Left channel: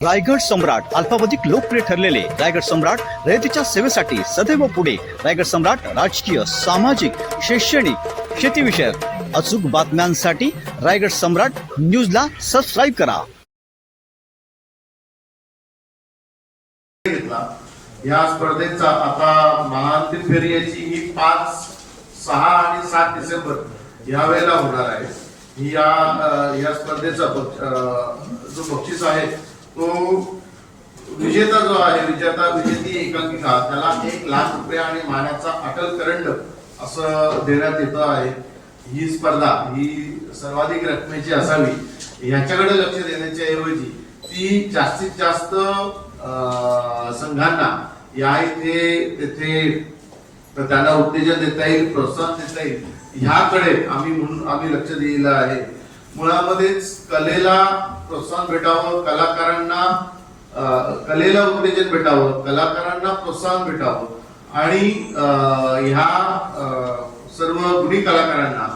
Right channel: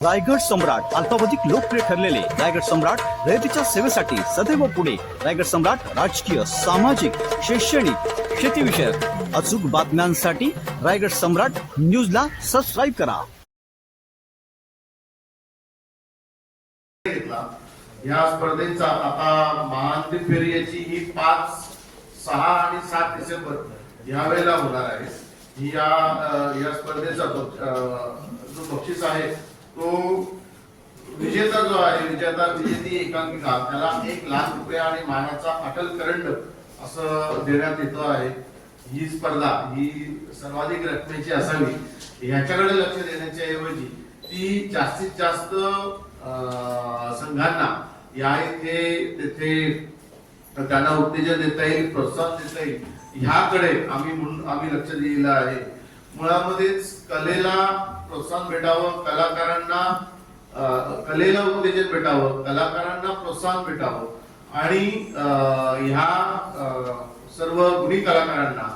रायगड सम्राट अल्पावधीत लोकप्रिय ठरलेले रायगड सम्राट रयतेच्या सेवेसाठी सदैव पुढे. रायगड सम्राट राजकीय, सामाजिक, शैक्षणिक, शेतीविषयक अचूक बातम्यांसाठी रायगड सम्राट न्यूजला सबस्क्राईब करा. या स्पर्धेचा आता महाअंतिम फेरी याची ही 5, 6 आणि 7 डिसेंबर या वेळेला होणार आहे. या स्पर्धेचा जो बक्षीस आहे तो विजेता जो आहे विजेती एकांकिका त्याला 1 लाख रुपये आणि मानाचा अटल करंड असं देण्यात येतं आहे. ही स्पर्धा ही सर्वाधिक रकमेची असावी याच्याकडे लक्ष देण्याच्या ऐवजी ती जास्तीत जास्त संघांना या इथे तिथे त्यांना उत्तेजन देता येईल, प्रोत्साहन देता येईल ह्याकडे आम्ही लक्ष दिलेलं आहे. मुळामध्येच कलेला प्रोत्साहन भेटावं, कलेला उत्तेजन भेटावं, कलाकारांना प्रोत्साहन भेटावं आणि ह्या सर्व गुणी कलाकारांना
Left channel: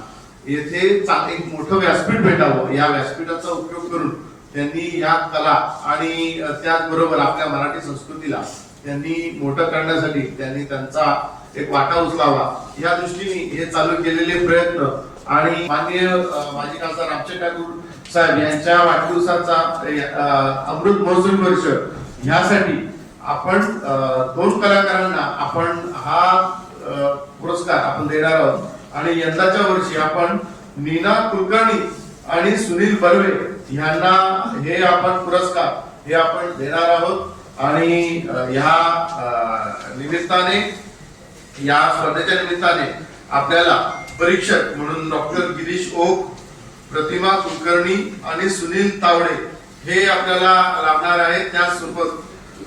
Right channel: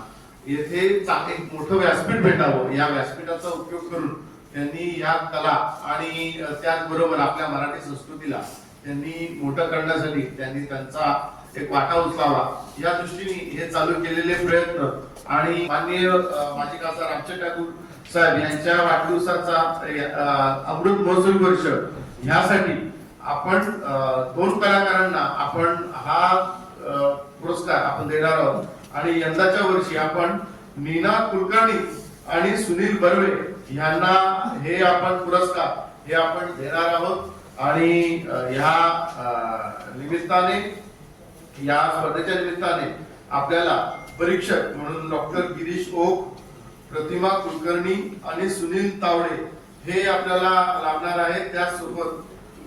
येथे एक मोठं व्यासपीठ भेटावं. या व्यासपीठाचा उपयोग करून त्यांनी या कला आणि त्याचबरोबर आपल्या मराठी संस्कृतीला त्यांनी मोठं करण्यासाठी त्यांनी त्यांचा एक वाटा उचलावा या दृष्टीने हे चालू केलेले प्रयत्न आणि माननीय माजी खासदार रामचंद्र ठाकूर साहेब यांच्या वाढदिवसाचा अमृत महोत्सवी वर्ष ह्यासाठी आपण 2 कलाकारांना आपण हा पुरस्कार आपण देणार आहोत आणि यंदाच्या वर्षी आपण नीना कुलकर्णी आणि सुनील बर्वे यांना हे आपण पुरस्कार हे आपण देणार आहोत. आणि ह्या निमित्ताने या स्पर्धेच्या निमित्ताने आपल्याला परीक्षक म्हणून डॉक्टर गिरीश ओक, प्रतिमा कुलकर्णी आणि सुनील तावडे हे आपल्याला लाभणार आहेत. त्यासोबत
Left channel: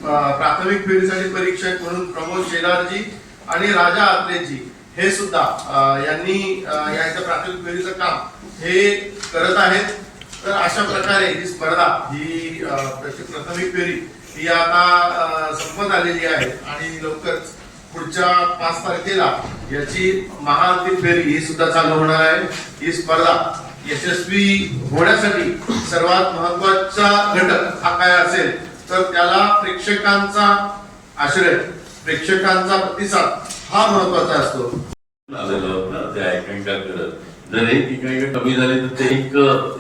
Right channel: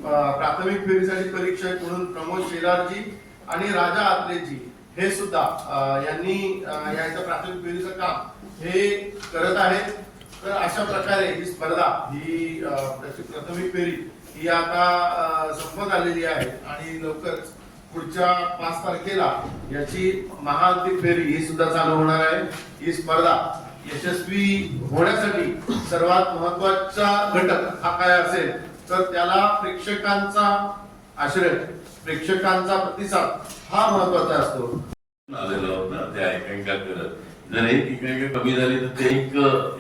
प्राथमिक फेरीसाठी परीक्षक म्हणून प्रमोद शेलारजी आणि राजा आत्रेजी हे सुद्धा यांनी यांच्या प्राथमिक फेरीचं काम हे करत आहेत. तर अशा प्रकारे ही स्पर्धा ही प्राथमिक फेरी ही आता संपत आलेली आहे आणि लवकरच पुढच्या 5 तारखेला याची महाअंतिम फेरी ही सुद्धा चालू होणार आहे. ही स्पर्धा यशस्वी होण्यासाठी सर्वात महत्वाचा घटक हा काय असेल तर त्याला प्रेक्षकांचा आश्रय, प्रेक्षकांचा प्रतिसाद हा महत्वाचा असतो. जर एक कमी झाली तर ते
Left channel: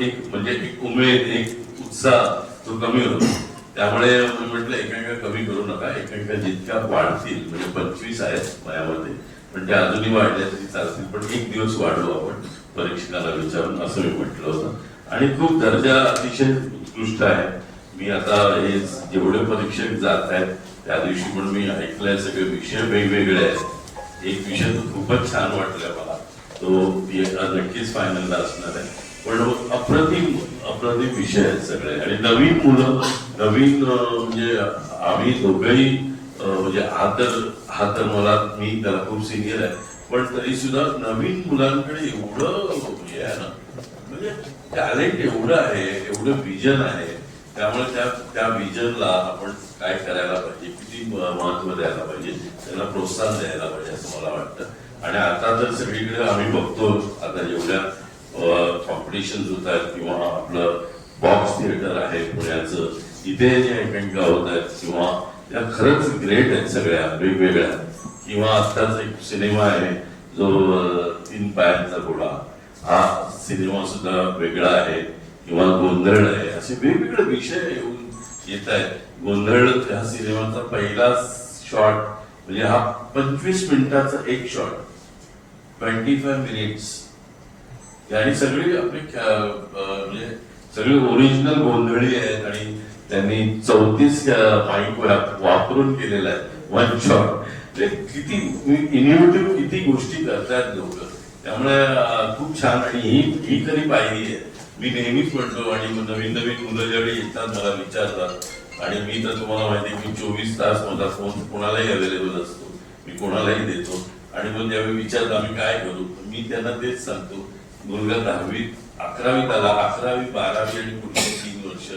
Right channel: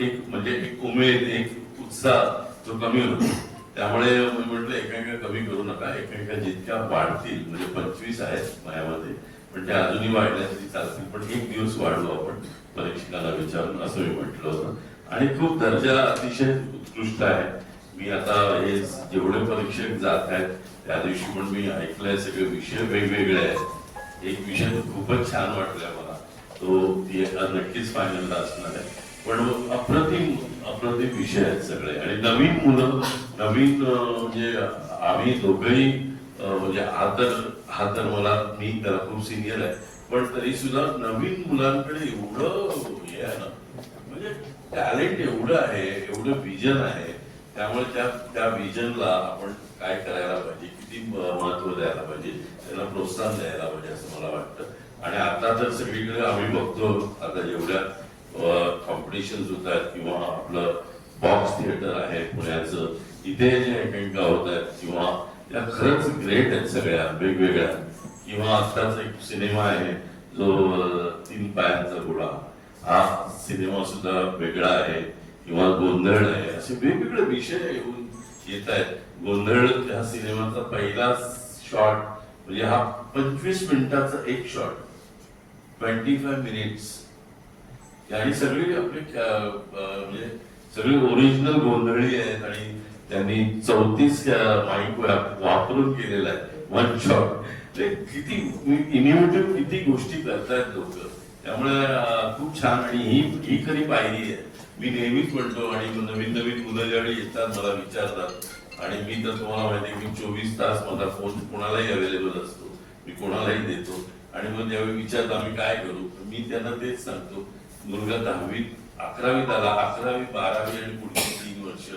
एक म्हणजे एक उमेद, एक उत्साह तो कमी होतो. त्यामुळे म्हटलं एकांका कमी करू नका. एकांका जितक्या वाढतील म्हणजे 25 आहेत वयामध्ये पण त्या अजूनही वाढल्या तरी चालतील पण 1 दिवस वाढवू आपण परीक्षकांना विचारून असं मी म्हटलं होतं. आणि खूप दर्जा अतिशय उत्कृष्ट आहे. मी आता हे जेवढे परीक्षक जात आहेत त्या दिवशी पण मी ऐकलंय सगळे विषय वेगवेगळे आहेत. एक विषय तो खूपच छान वाटलाय मला, तो नक्कीच फायनलला असणार आहे. पण अप्रतिम विषय आहेत सगळे आणि नवीन मुलं नवीन म्हणजे आम्ही दोघंही म्हणजे हा तर मला मी त्याला खूप सिनियर आहे पण तरी सुद्धा नवीन मुलांकडे एवढं हे आहे ना म्हणजे टॅलेंट एवढं आहे, एवढं विजन आहे. त्यामुळे त्या विजनला आपण काय करायला पाहिजे, किती महत्व द्यायला पाहिजे, त्यांना प्रोत्साहन द्यायला पाहिजे असं मला वाटतं. आणि आता तर सगळीकडे आम्ही बघतो आता जेवढ्या कॉम्पिटिशन होत आहेत किंवा आपलं बॉक्स थिएटर आहे पुण्याचं, इथे जे एकांकिका होत आहेत किंवा त्या खरंच ग्रेट आहेत सगळ्या वेगवेगळ्या. किंवा आत्ताच एक सिनेमा आहे जो 3 पायांचा घोडा, हा सिनेमा सुद्धा वेगळा आहे. किंवा गोंधळ आहे, असे वेगवेगळे विषय येऊन येत आहेत. गोंधळ ह्या सिनेमाचा पहिला शॉट म्हणजे हा 25 मिनिटाचा एक शॉट, 25 मिनिट्स आणि सगळी आपली म्हणजे सगळी ओरिजिनल गोंधळी आहेत आणि त्यांनी 34 माईक वापरून केलेला आहे 1 शॉट. किती इनोव्हेटिव्ह किती गोष्टी करतात लोक. त्यामुळे खूप छान आणि ही खरी पाहिली आहे. मी नेहमीच म्हणतो आणि नवीन मुलं ज्यावेळी येतात मला विचारतात आणि मी तर तुम्हाला माहिती आहे मी 24 तास माझा फोन कोणालाही अवेलेबल असतो, मी कोणालाही देतो. आणि मग ज्यावेळी विचारतात आम्ही काय करू, मी त्यांना तेच सांगतो मुलगा 10वी 11वीत आला, 11वी 12वी आणि पुढचे 3 वर्ष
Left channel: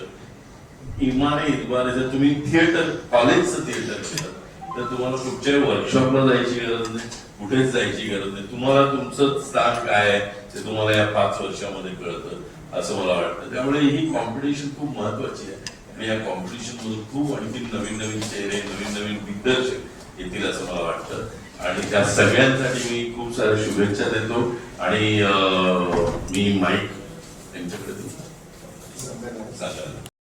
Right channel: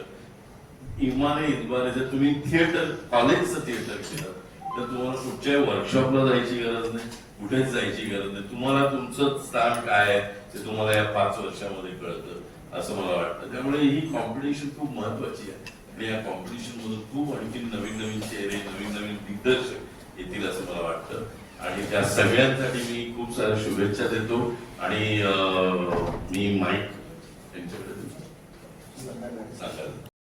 इमाने जर तुम्ही थिएटर कॉलेजचं थिएटर केलं तर तुम्हाला कुठच्याही वर्कशॉपला जायची गरज नाही, कुठेच जायची गरज नाही. तुम्हाला तुमचं स्थान काय आहे ते तुम्हाला या 5 वर्षामध्ये कळतं असं मला वाटतं. त्यामुळे ही कॉम्पिटिशन खूप महत्वाची आहे. आणि या कॉम्पिटिशन मधून खूप आणखी नवीन नवीन चेहरे, नवीन नवीन दिग्दर्शक येतील असं मला वाटतं आणि त्या सगळ्यांसाठी मी खूप साऱ्या शुभेच्छा देतो आणि मी माईक